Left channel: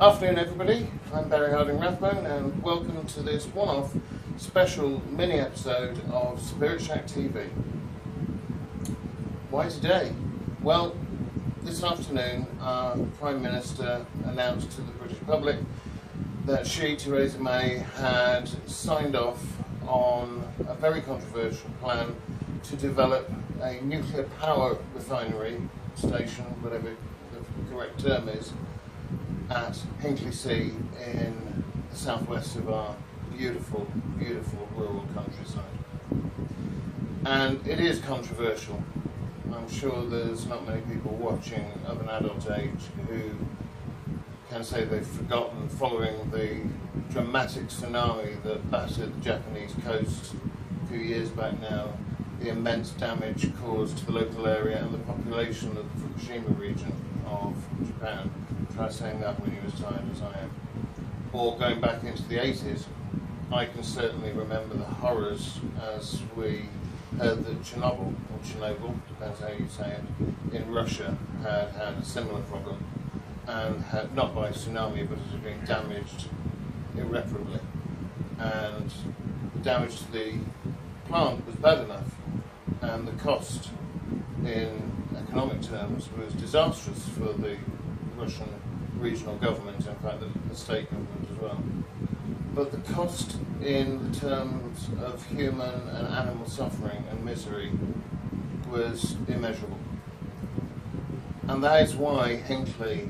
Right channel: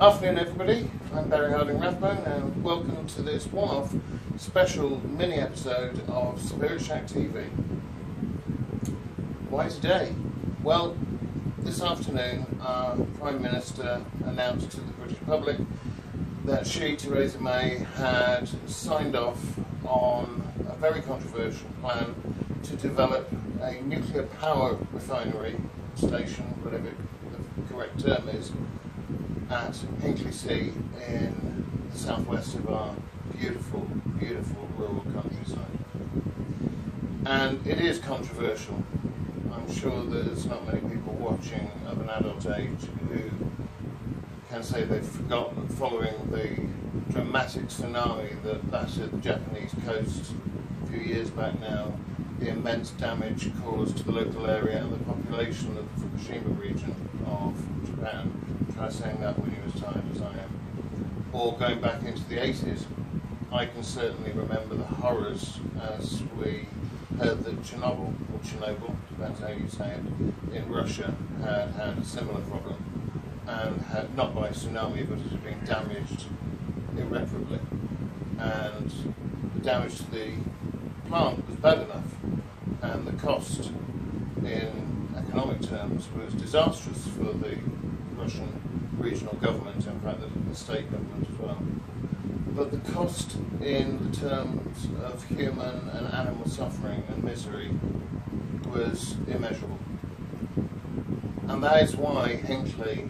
Afternoon everybody, I'm Harding-Rathbone and welcome to this one-off special mini episode of SpiritShackTV. Why today? Well, this afternoon our Prime Minister announced to the British public that she, Theresa May, had signed off on a very controversial plan to develop a nuclear power refinery station, whatever the correct term is, at Hinkley in the southwest of our beautiful, beautiful rural countryside. And it is controversial. I'm sure there's not many people watching of an adult age who can say they've forgotten, following the dramatic tsunami that battered the Japanese coast a few years back now, the immense damage caused to the local area and the population of the Fukushima region of Japan. Try saying that when you're as tired as I am. Or going back into the 80s, I can certainly remember the horrors as we heard that Chernobyl, depends how you say it, in Russia had a similar problem and had, not by tsunami, but it had been damaged irreparably. And the damage to the plant was bad enough, and the cost in economic terms was disastrous for the Russian regional government, in fact the state government as well. But the cost in terms of human and animal suffering and misery was immeasurable. And that is why Hinkley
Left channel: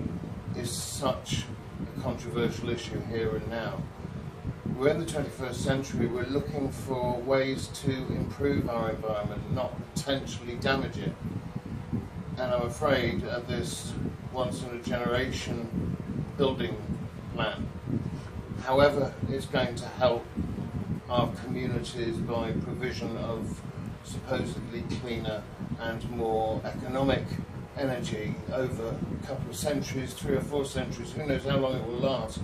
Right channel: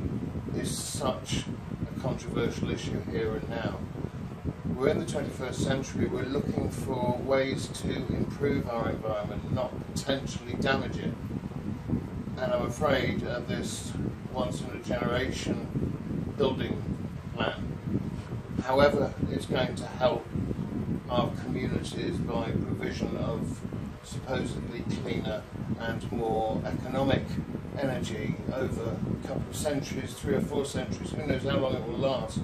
is such a controversial issue here and now. We're in the 21st century, we're looking for ways to improve our environment, not potentially damage it. And I'm afraid at this once-in-a-generation building plan, however it's going to help our communities by provision of supposedly cleaner and more economic energy over a couple of centuries, 3 or 4 centuries, who knows how long it will last.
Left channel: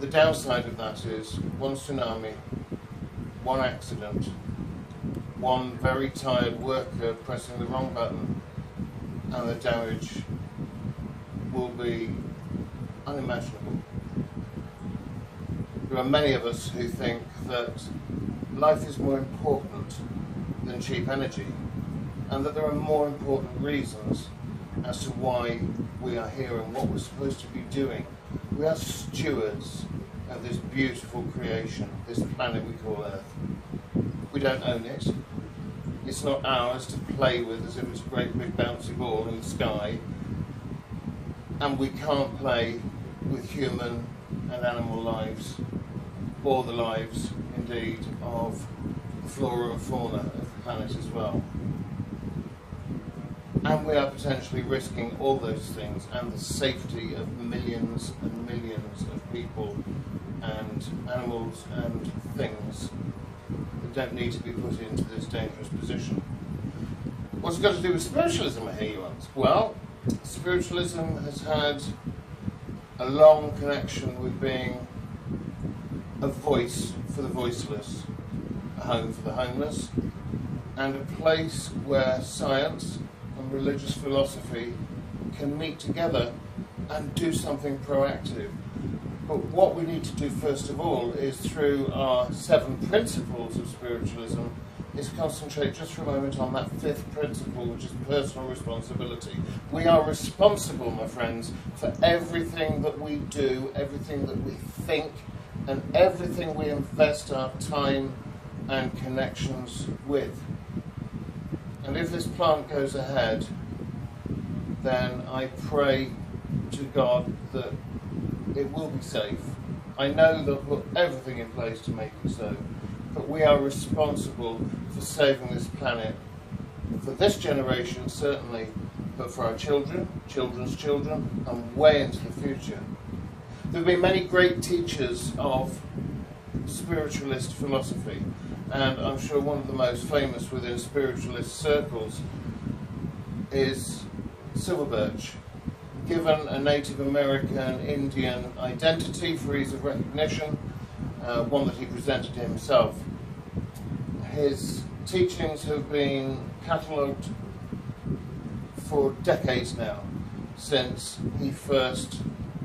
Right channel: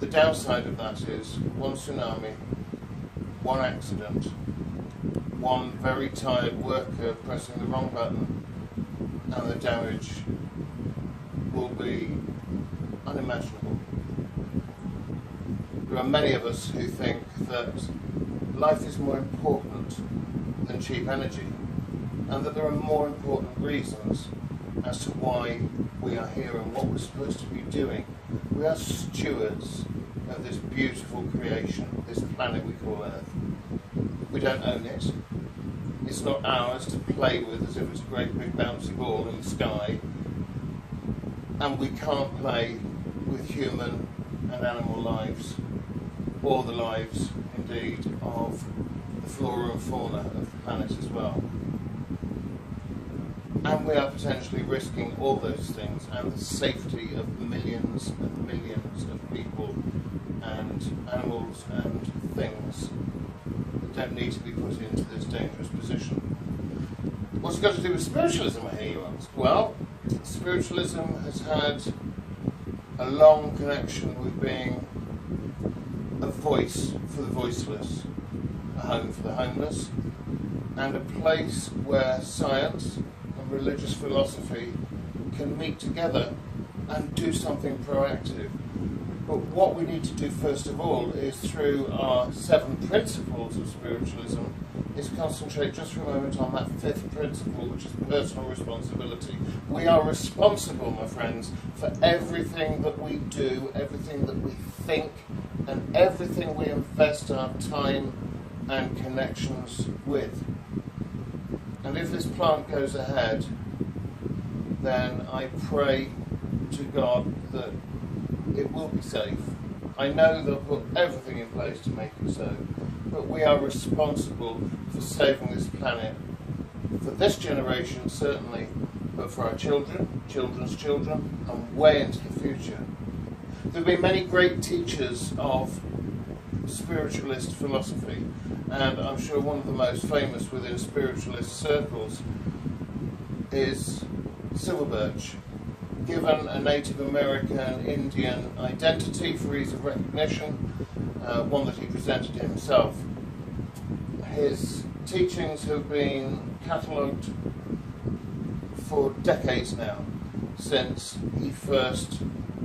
The downside of that is one tsunami, one accident, one very tired worker pressing the wrong button, and the damage will be unimaginable. There are many of us who think that life is more important than cheap energy, and that there are more important reasons as to why we are here and what we're supposed to be doing. We are stewards of this beautiful creation, this planet we call Earth. We don't own it. It's not ours to play with as if it's a great big bouncy ball in the sky. And we can't play with human and animal lives, or the lives, indeed, of the flora and fauna of the planet as well. And we are potentially risking all those things and the safety of millions and millions of people and animals and things that don't need to be put into this dangerous position. What's it got to do with spiritualism, I hear you ask? Well, spiritualism has had a long connection with being a voice for the voiceless, a home for the homeless, and a place where science and religious philosophy can meet together and do something proactive. But what we need to do first of all is, through our 7 principles of spiritualism, is concentrate just for a moment on that 5th principle, which is personal responsibility. We are responsible, my friends, for everything that we do, everything that we think, and everything we invest our time and connections with. And if this plant goes ahead, then I pray to God that it will be safe. I know they'll put everything in place to make it so, but we are responsible for saving this planet, for this generation certainly, but for our children, children's children, and way into the future. There have been many great teachers of spiritualist philosophy, and I'm sure one of the most famous within spiritualist circles is Silverbirch. Given a Native American Indian identity for ease of recognition, one that he presented himself. His teachings have been catalogued for decades now. since he first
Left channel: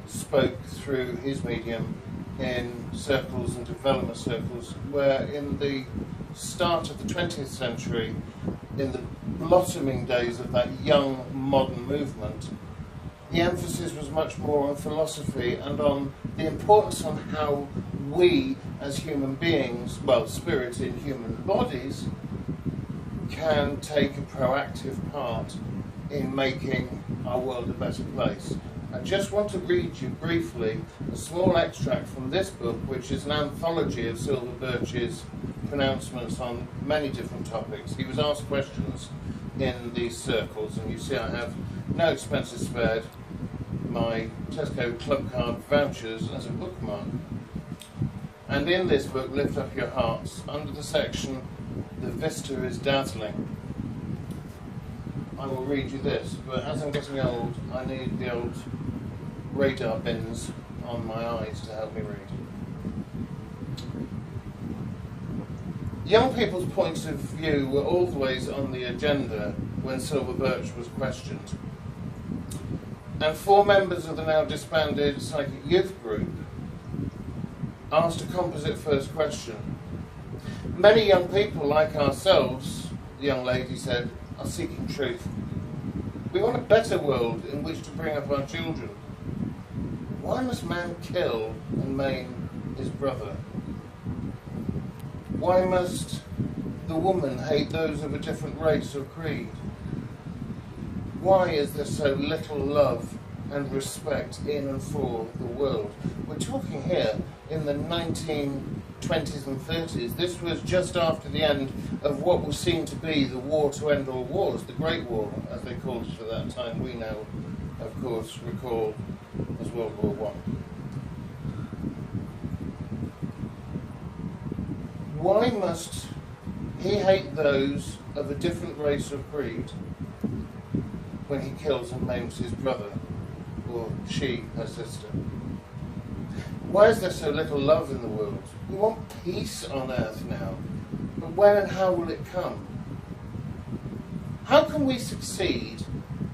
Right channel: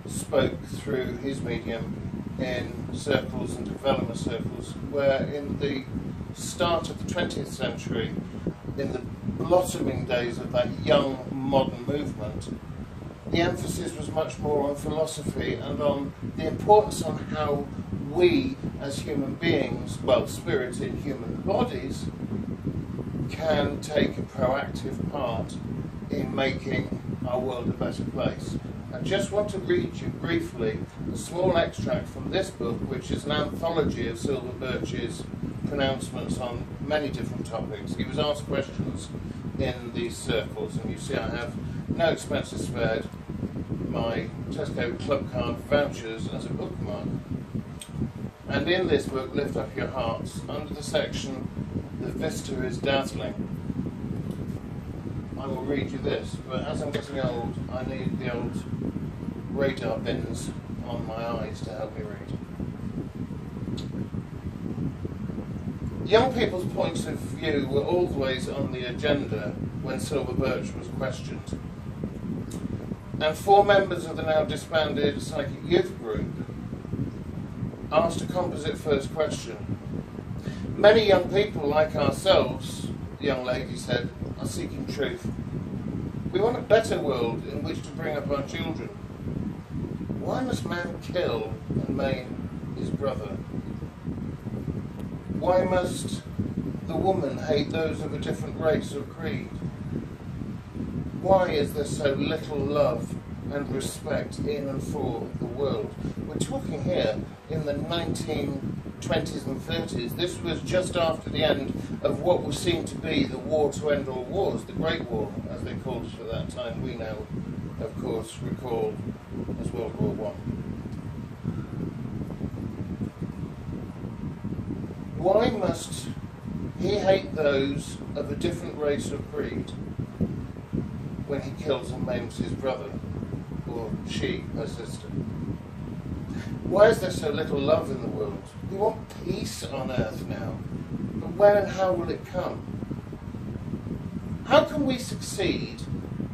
spoke through his medium in circles and development circles, where in the start of the 20th century, in the blossoming days of that young modern movement, the emphasis was much more on philosophy and on the importance on how we as human beings, well, spirits in human bodies, can take a proactive part in making our world a better place. I just want to read you briefly a small extract from this book, which is an anthology of Silver Birch's pronouncements on many different topics. He was asked questions in these circles, and you see I have no expenses spared, my Tesco Club Card vouchers as a bookmark. And in this book, Lift Up Your Hearts, under the section, The Vista is Dazzling, I will read you this, but as I'm getting old, I need the old radar bins on my eyes to help me read. Young people's points of view were always on the agenda when Silver Birch was questioned. And 4 members of the now disbanded Psychic Youth Group asked a composite first question. Many young people like ourselves, the young lady said, are seeking truth. We want a better world in which to bring up our children. Why must man kill and maim his brother? Why must the woman hate those of a different race or creed? Why is there so little love and respect in and for the world? We're talking here in the 1920s and 30s. This was just after the end of what was seen to be the war to end all wars, the Great War, as they called it for that time. We now, of course, recall as World War I. Why must he hate those of a different race or creed when he kills and maims his brother, or she, her sister? Why is there so little love in the world? We want peace on earth now, but when and how will it come? How can we succeed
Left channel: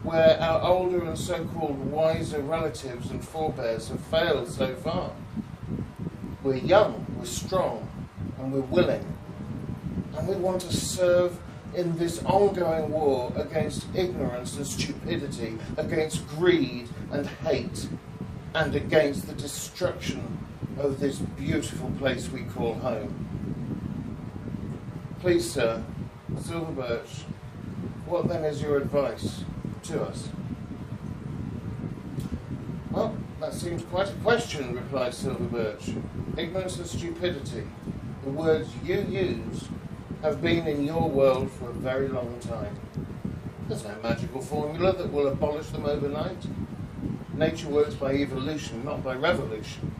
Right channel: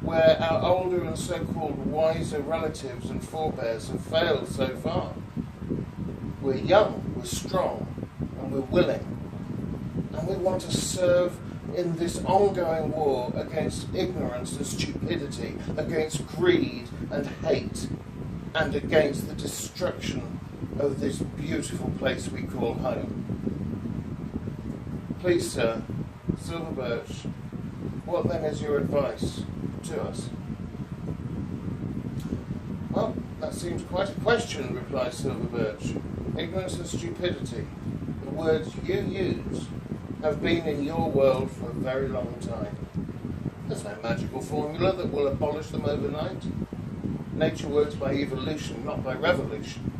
where our older and so-called wiser relatives and forebears have failed so far? We're young, we're strong, and we're willing, and we want to serve in this ongoing war against ignorance and stupidity, against greed and hate, and against the destruction of this beautiful place we call home. Please, sir, Silver Birch, what then is your advice to us? Well, that seems quite a question, replied Silver Birch. Ignorance and stupidity, the words you use, have been in your world for a very long time. There's no magical formula that will abolish them overnight. Nature works by evolution, not by revolution.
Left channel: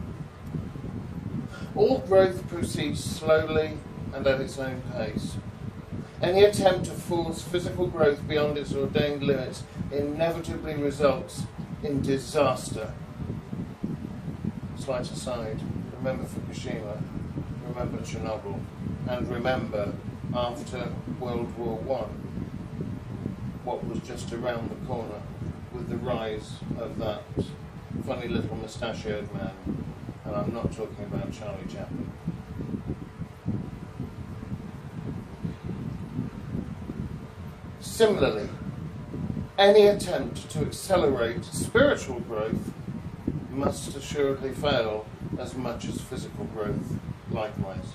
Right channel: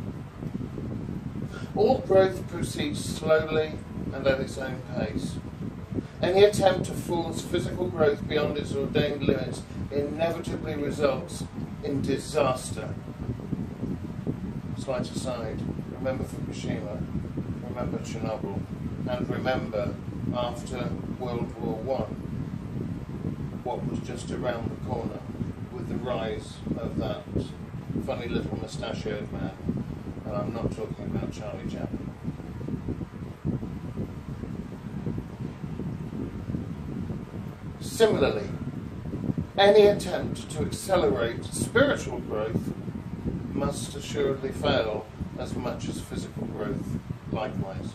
All growth proceeds slowly and at its own pace. Any attempt to force physical growth beyond its ordained limits inevitably results in disaster. Slight aside, remember Fukushima, remember Chernobyl, and remember, after World War I, what was just around the corner with the rise of that funny little mustachioed man. And I'm not talking about Charlie Chaplin. Similarly, any attempt to accelerate spiritual growth must assuredly fail as much as physical growth likewise.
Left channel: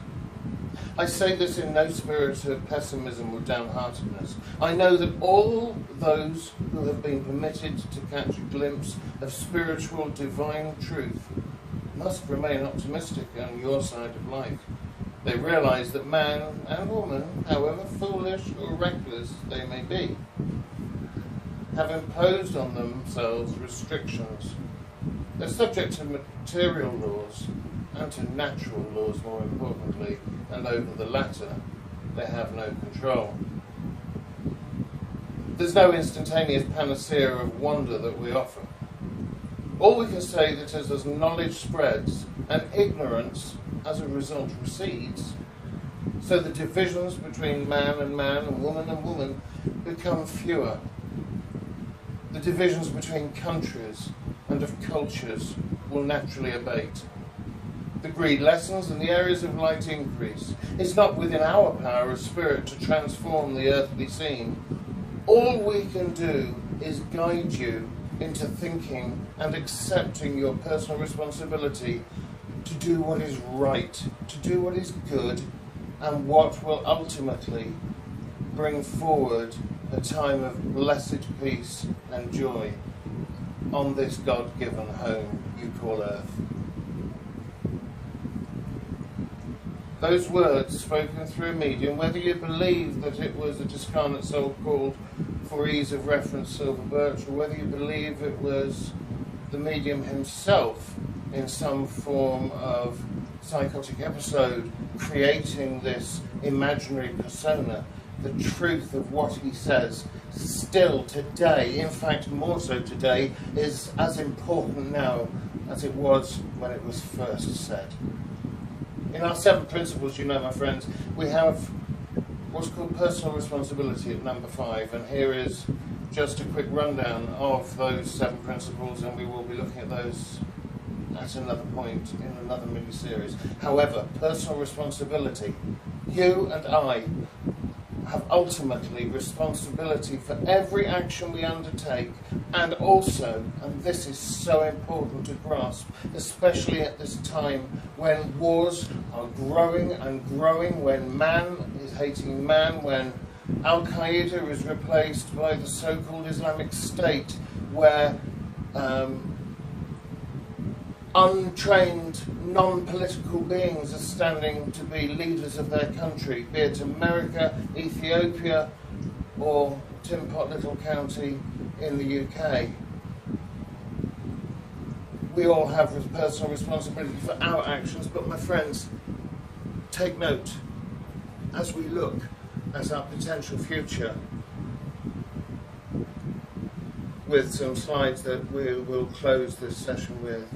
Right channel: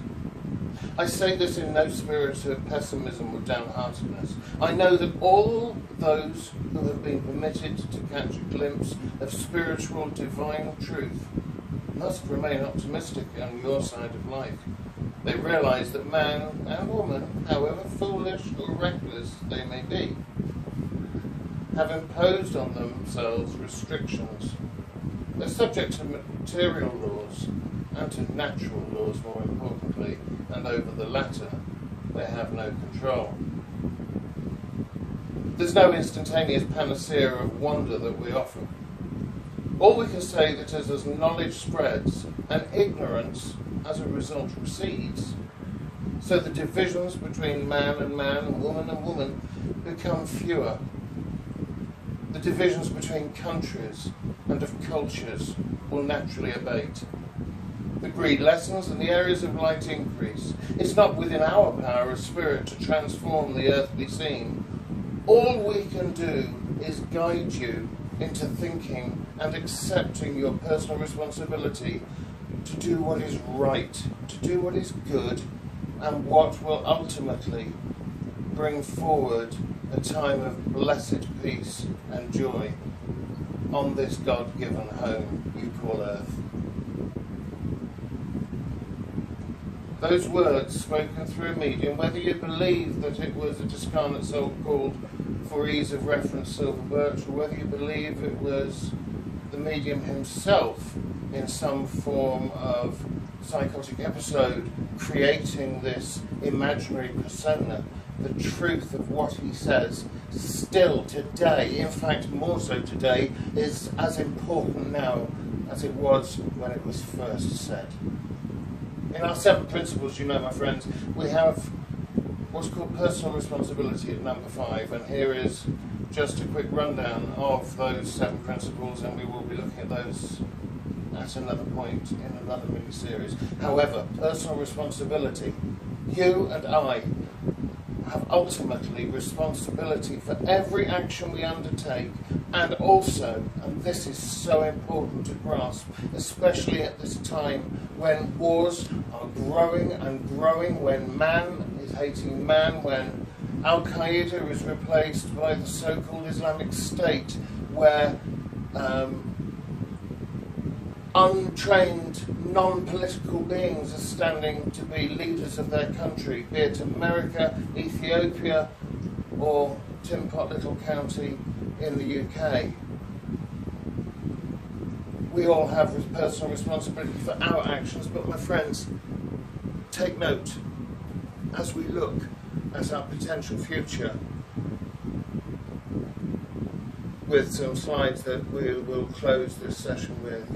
I say this in no spirit of pessimism or downheartedness. I know that all those who have been permitted to catch a glimpse of spiritual divine truth must remain optimistic on your side of life. They realise that man and woman, however foolish or reckless they may be, have imposed on themselves restrictions. They're subject to material laws and to natural laws, more importantly, and over the latter they have no control. There's no instantaneous panacea of wonder that we offer. All we can say that is, as knowledge spreads and ignorance as a result recedes, so the divisions between man and woman become fewer. The divisions between countries and of cultures will naturally abate. The greed lessens and the areas of light increase. It's not within our power as spirit to transform the earthly scene. All we can do is guide you into thinking and accepting your personal responsibility to do what is right, to do what is good, and what will ultimately bring forward a time of blessed peace and joy on this God-given home you call earth. Those words spoken through a medium, whether you believe that it was a discarnate soul called, for ease of reference, Silver Birch, or whether you believe it was the medium himself in some form of psychotic episode creating this imaginary persona, the truth of what he says still today, in fact more so today, is as important now as it was when it was first said. In our 7 principles, you know, my friends, we have what's called personal responsibility at number 5, and here is just a quick rundown of those 7 principles, and we will be looking at those at another point in another mini-series. However, personal responsibility. You and I have ultimately responsibility for every action we undertake, and also, and this is so important to grasp, especially at this time when wars are growing and growing, when man is hating man, when Al-Qaeda is replaced by the so-called Islamic State, where untrained, non-political beings are standing to be leaders of their country, be it America, Ethiopia, or Tin Pot Little County in the UK. We all have personal responsibility for our actions, but my friends, take note as we look at our potential future with some slides that we will close this session with.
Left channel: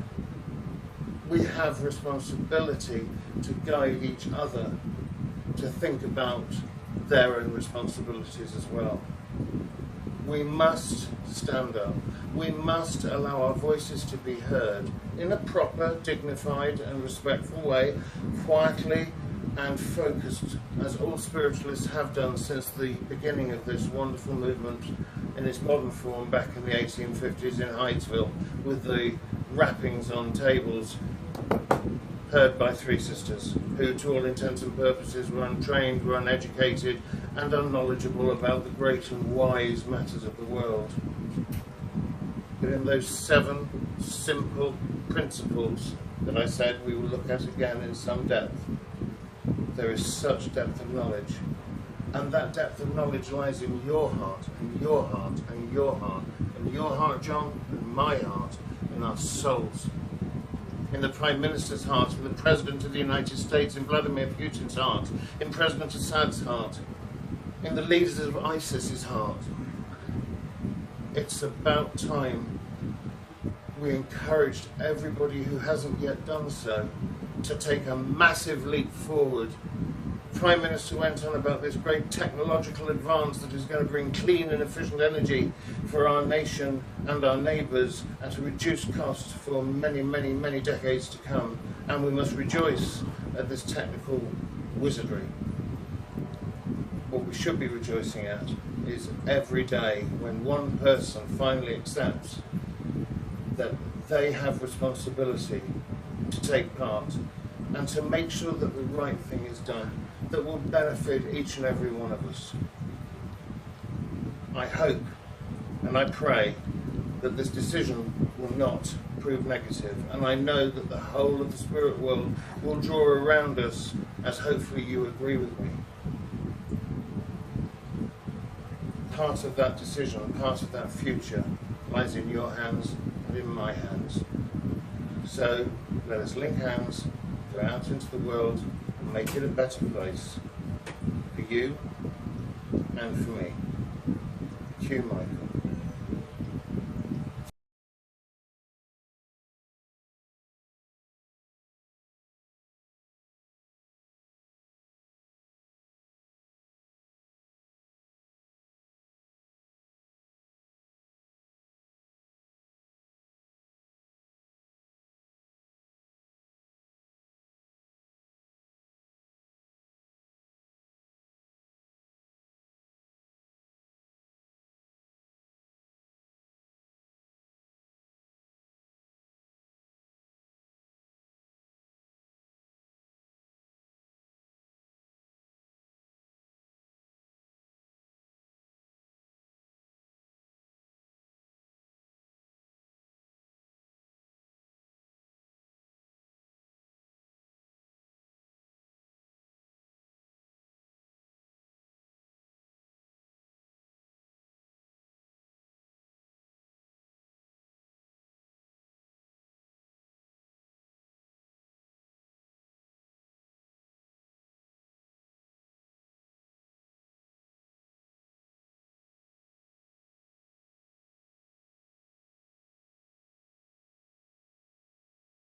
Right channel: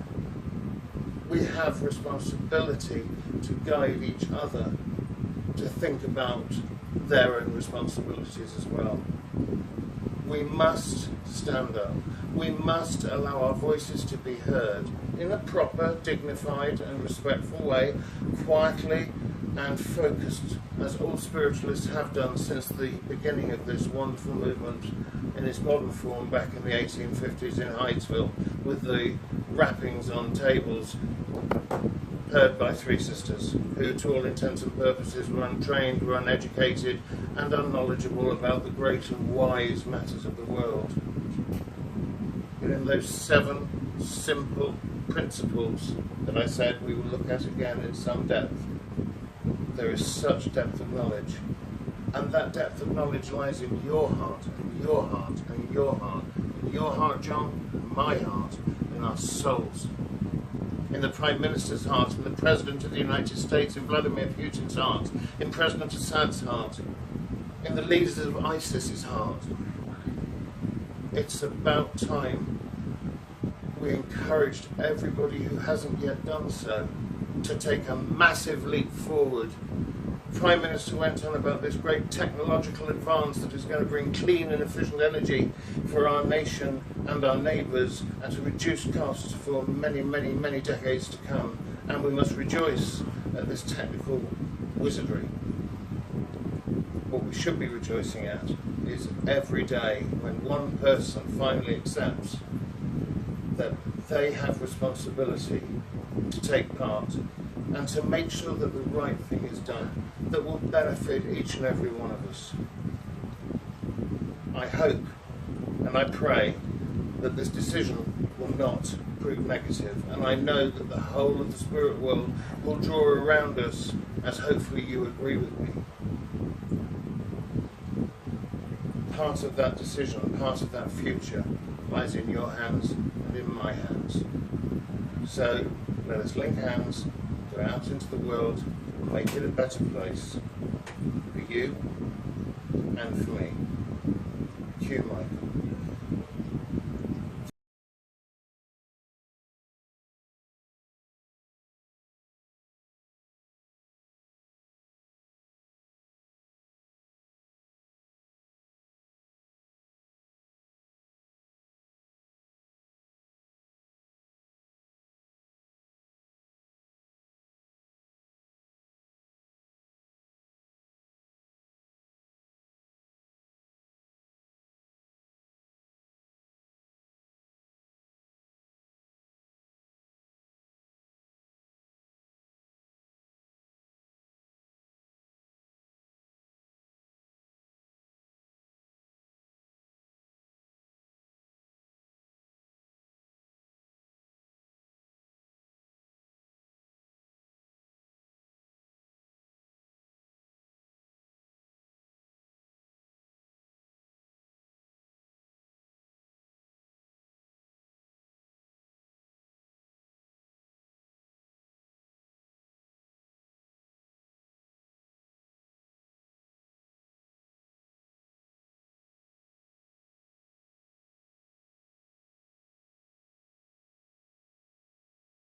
We have responsibility to guide each other to think about their own responsibilities as well. We must stand up. We must allow our voices to be heard in a proper, dignified and respectful way, quietly and focused, as all spiritualists have done since the beginning of this wonderful movement in its modern form back in the 1850s in Hydesville, with the wrappings on tables heard by 3 sisters who, to all intents and purposes, were untrained, were uneducated and unknowledgeable about the great and wise matters of the world. But in those 7 simple principles that I said we will look at again in some depth, there is such depth of knowledge, and that depth of knowledge lies in your heart, and your heart, and your heart, and your heart, John, and my heart, in our souls, in the Prime Minister's heart, in the President of the United States, in Vladimir Putin's heart, in President Assad's heart, in the leaders of ISIS's heart. It's about time we encouraged everybody who hasn't yet done so to take a massive leap forward. Prime Minister went on about this great technological advance that is going to bring clean and efficient energy for our nation and our neighbours at a reduced cost for many, many, many decades to come. And we must rejoice at this technical wizardry. What we should be rejoicing at is every day when one person finally accepts that they have responsibility to take part and to make sure that the right thing is done that will benefit each and every one of us. I hope and I pray that this decision will not prove negative, and I know that the whole of the spirit world will draw around us, as hopefully you agree with me. Part of that decision, part of that future lies in your hands and in my hands. So let us link hands, go out into the world and make it a better place for you and for me. Q. Michael.